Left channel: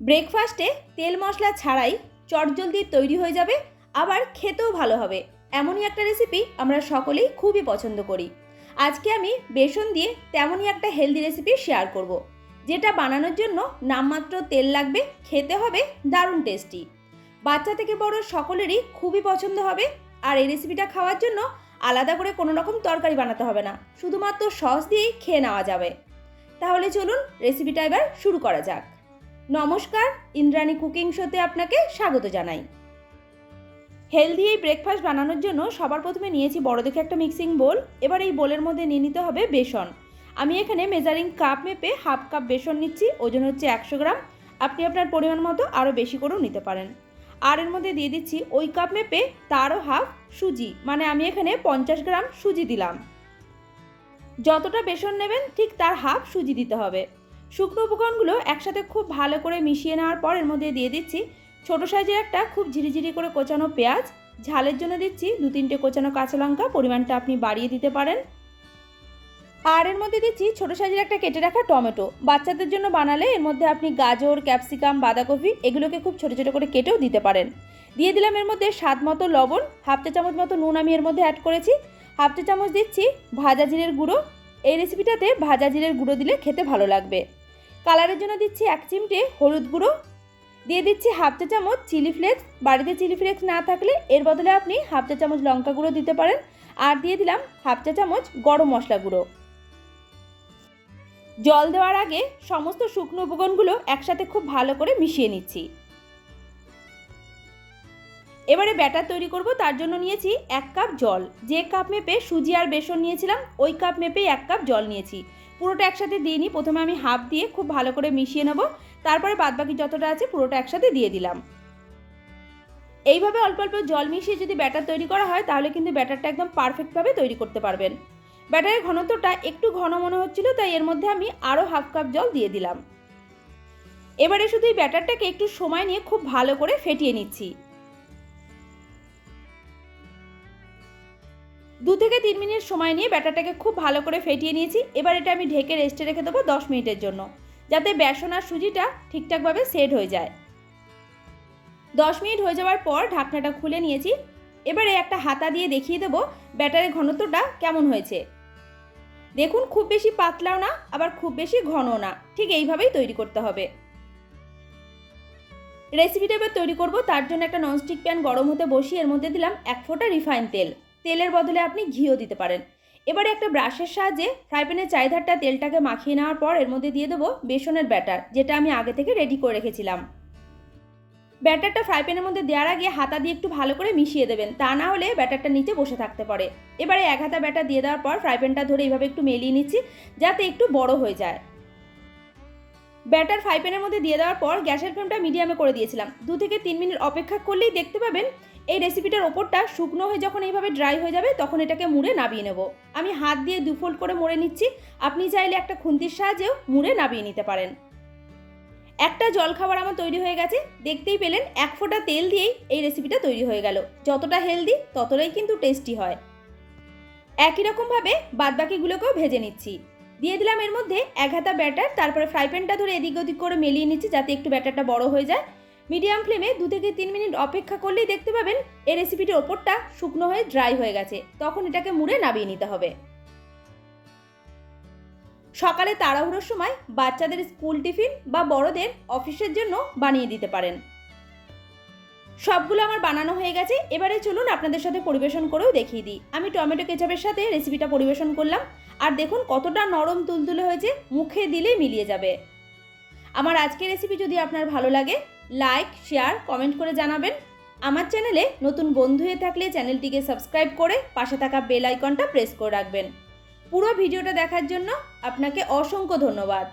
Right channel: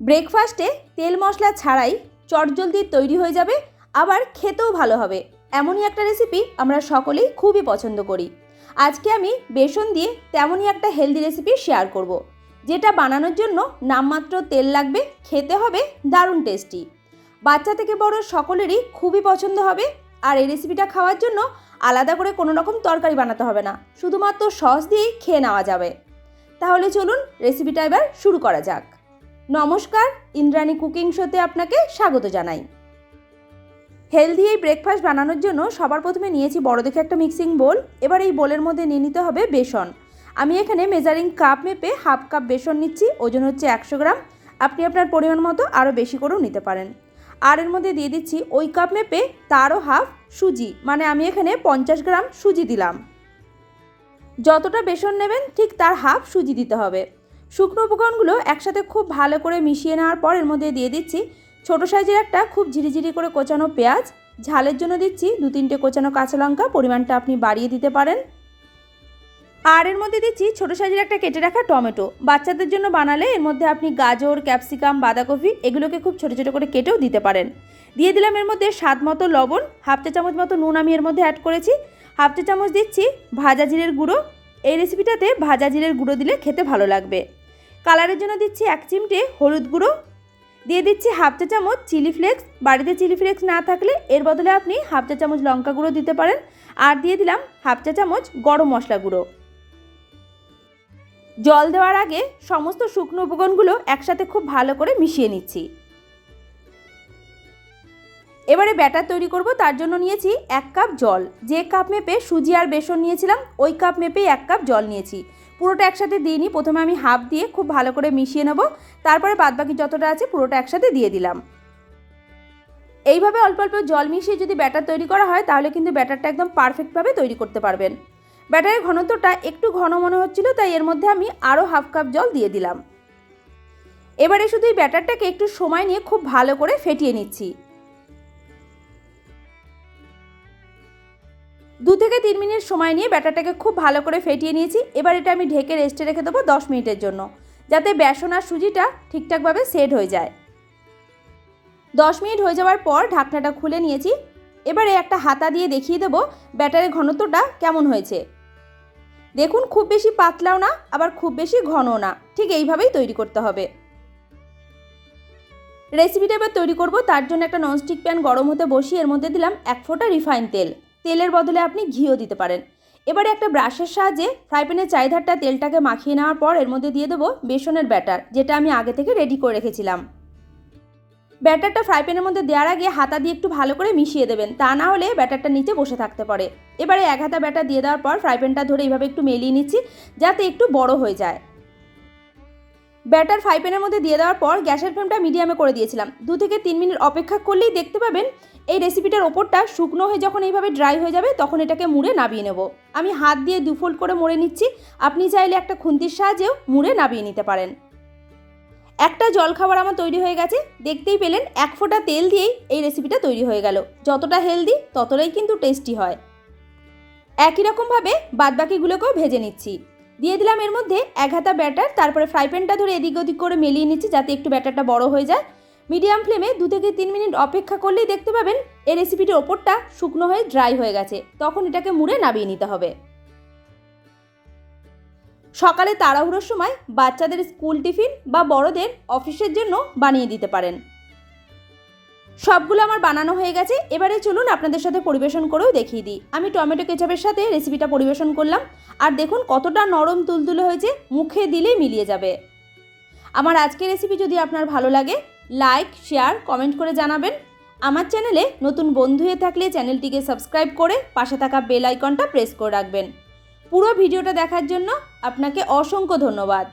ব্রেকফাস্টে তেল মশলা ছাড়াই চটজলদি তৈরি হয়ে যাবে, আবার খেতেও ভালো হবে। এমনই একটা রেসিপি আমরা সকলেই খুবই পছন্দ করি। আজকে আমি বেসন দিয়ে তেমনই একটা হেলদি রেসিপি শেয়ার করব। যেটা বানানোর জন্য নামমাত্র তেল লাগবে, খেতে হবে দারুণ টেস্টি বাচ্চা থেকে বড় সকলেরই খুবই পছন্দ হবে, আর এই রেসিপিটা খাওয়ার জন্য আলাদা করে কোনো রকম তরকারি বানাতে হবে না, শুধুমাত্র সস দিয়েই খেয়ে নেওয়া যাবে। তাহলে চলুন রেসিপিটা এবার শুরু করা যাক। নমস্কার, ইন্দ্রাণী কুকিং শোতে আপনাকে স্বাগত জানাই। হেলদি এই ব্রেকফাস্ট বানানোর জন্য সবার প্রথমে নিয়েছি বড় দেখে একটা মিক্সিং বোল এবার এই বোলের মধ্যে নিয়ে নিতে হবে বেসন। আমি এখানে মেজারিং কাপ মেপে হাফ কাপ বেসন নিচ্ছি, ওজন হচ্ছে একশো গ্রাম। আপনি আপনার পরিমাণ মতো আরও বেশি করেও নিতে পারেন। আর এর মধ্যে দিয়ে দিচ্ছি ওই কাপ মেপে তারও হাফ সুজি মানে আমি এখানে পঞ্চাশ গ্রাম সুজি দিলাম। যতটা বেসন নেবেন ঠিক তার হাফ সুজি দিতে হবে। শুকনো উপকরণগুলো একসাথে খুব ভালো করে মিশিয়ে নেওয়ার পর এর মধ্যে দিয়ে দিচ্ছি ছোটো সাইজের একটা খুব ঝিরিঝিরি করে কোচানো পেঁয়াজ। ঝালের জন্য দিচ্ছি দু তিনটে কোচানো কাঁচা লঙ্কা, পরিমাণটা আপনি বাড়িয়ে দিতে পারেন। আর এর মধ্যে দিচ্ছি ছোটো সাইজের একটা কেটে রাখা টমেটো। বাচ্চাদের জন্য বানালে এর মধ্যে আপনি গাজর, ক্যাপসিকাম, বাঁধাকপি এগুলোকে খুব ছোটো ছোটো করে কেটেও দিতে পারেন। দিয়ে দিলাম এর মধ্যে স্বাদ মতো লবণ, হাফ চা চামচ মতো নুন আমি এর মধ্যে অ্যাড করেছি। হাফ চা চামচ দিচ্ছি ভাজা জিরের গুঁড়ো। এই রেসিপিটাতে ভাজা জিরের গুঁড়ো দিলে খেতে ভালো লাগবে। কালারের জন্য দিচ্ছি এক চিমটে হলুদ গুঁড়ো। দিয়ে দিচ্ছি হাফ চা চামচ চিলি ফ্লেক্স। বাড়িতে চিলি ফ্লেক্স না থাকলে এর বদলে আপনি হাফ চা চামচ লঙ্কা গুঁড়ো দিতে পারেন। আর দিয়ে দিলাম হাফ চা চামচ গরম মশলা গুঁড়ো। জল দেওয়ার আগে সমস্ত শুকনো উপকরণগুলো একসাথে খুব ভালো করে মিশিয়ে নিচ্ছি। এবারে ব্যাটার তৈরি করব, তার জন্য নিয়েছি এক কাপ জল। যে কাপ মেপে সুজি আর বেসন নিয়েছিলাম, ওই কাপ মেপেই এক কাপ জল নিয়েছি। পুরোটা একসাথে দিয়ে নিই। প্রথমে আমি হাফ দিয়ে খুব ভালো করে মিশিয়ে নেব। তারপরে বাদবাকি যতটা আছে পুরোটা একসাথে দিয়ে দিলাম। এইভাবে অল্প অল্প জল মিশিয়ে যদি ব্যাটার তৈরি করা হয়, তাহলে কিন্তু ব্যাটারটা একদম পারফেক্টভাবে তৈরি করতে পারবেন। ব্যাটারের ঘনত্বটা একটু ঘন মনে হচ্ছিল, তাই এর মধ্যে আমি আরও হাফ কাপ জল দিয়ে দিলাম। এবারে শুধু এই ব্যাটারটাকে একটু সময় নিয়ে খুব ভালো করে ফেটিয়ে নিচ্ছি। দু থেকে তিন মিনিট সময় নিয়ে ব্যাটারটাকে খুব ভালো করে ফেটিয়ে নিয়েছি। এবার এটা আমি ঢেকে রেস্টে রেখে দেবো দশ মিনিটের জন্য, যাতে বেসন আর সুজিটা ঠিকঠাকভাবে সেট হয়ে যায়। দশ মিনিট হয়ে যাওয়ার পর ঢাকনাটা খুলে নিয়েছি। এবারে একটা হাতা দিয়ে দেখিয়ে দেবো ব্যাটারের ঘনত্বটা কেমন হয়েছে। দেখুন, খুব বেশি পাতলাও না, আবার খুব বেশি ঘনও না। ঠিক এইভাবেই তৈরি করতে হবে। রেসিপিটা এবার তৈরি করব। তার জন্য একটা ননস্টিক প্যান গরম হতে বসিয়ে এর মধ্যে দিলাম এক ফোঁটা রিফাইন তেল। তেলের বদলে আপনি ঘিও দিতে পারেন। এবারে একটা ব্রাশের সাহায্যে ফ্রাই প্যানের চারিধারটা তেলটাকে মাখিয়ে নেওয়ার পর এর মধ্যে দিয়ে দেবো বেসনের ব্যাটার, যেটা আমি আগে থেকে রেডি করে রেখেছিলাম। ব্যাটারটা ফ্রাই প্যানের মধ্যে দেওয়ার আগে হাতা দিয়ে একটু ভালো করে মিশিয়ে দেবেন, তা না হলে ব্যাটারটা নিচে বসে থাকতে পারে। এবারে এক হাতা ব্যাটার দিয়ে দেওয়ার পর ফ্রাই প্যানটা ধরে এইভাবে একটু মেলিয়ে নিচ্ছি, যাতে একটু বড় হয়ে যায়। ব্যাটার ফ্রাই প্যানের মধ্যে দিয়ে দেওয়ার পর গ্যাসের ফ্লেমটা মিডিয়ামে করে দিয়েছিলাম। দু থেকে তিন মিনিট অপেক্ষা করলেই দেখতে পাবেন এই রেসিপিটার ওপরটা শুকনো হয়ে যখন এইভাবে ড্রাই হয়ে যাবে তখন এটাকে মুড়ে নাবিয়ে নেব। আমি হাত দিয়ে দুফোল্ড করে মুড়ে নিচ্ছি। আপনি চাইলে একটা খুন্তির সাহায্যেও মুড়ে নাবিয়ে নিতে পারেন। একটা জলখাবার আমার তৈরি হয়ে গেছে। দেখতেই পেলেন এক ফোঁটা তেল দিয়েই এই রেসিপিটা তৈরি হয়ে গেল। যতটা হেলদি ততটাই কিন্তু টেস্টি হয়। একই রকমভাবে বাদবাকিগুলোকেও ভেজে নিচ্ছি। দিয়ে দিলাম এর মধ্যে এক হাতা ব্যাটার, তারপরে ফ্রাই প্যানটা ধরে এদিক ওদিক করে মেলিয়ে নিচ্ছি যাতে একটু ব্যাটারটা বড় হয়ে যায়। মিডিয়াম ফ্লেমে দু থেকে তিন মিনিট অপেক্ষা করলেই দেখতে পাবেন এই রেসিপিটির ওপরটা শুকনো হয়ে ড্রাই হয়ে গেছে। তখন এটাকে মুড়ে নাবিয়ে নিতে হবে। সকালে তাড়াহুড়োর সময় বাচ্চাদের স্কুল টিফিন বা বড়দের অফিসের জন্য বানিয়ে দিতে পারেন। সবগুলো আমার বানানো হয়ে গেছে। এবারে চলুন আপনাদের সাথে পরিবেশন করেও দেখিয়ে দিই। আমি টমেটো কেচাপের সাথে রেসিপিটা পরিবেশন করলাম। আর দেখুন কতটা নরম তুলতুলে হয়েছে, মুখে দিলেই মিলিয়ে যাবে। আমার আজকের রেসিপি যদি আপনার ভালো লাগে লাইক শেয়ার কমেন্ট করে জানাবেন। আমার চ্যানেলে নতুন বন্ধু হয়ে থাকলে চ্যানেলটিকে সাবস্ক্রাইব করে পাশে থাকা বেল আইকনটা প্রেস করে রাখবেন। পুরো ভিডিওটা দেখার জন্য আপনাকে অসংখ্য ধন্যবাদ।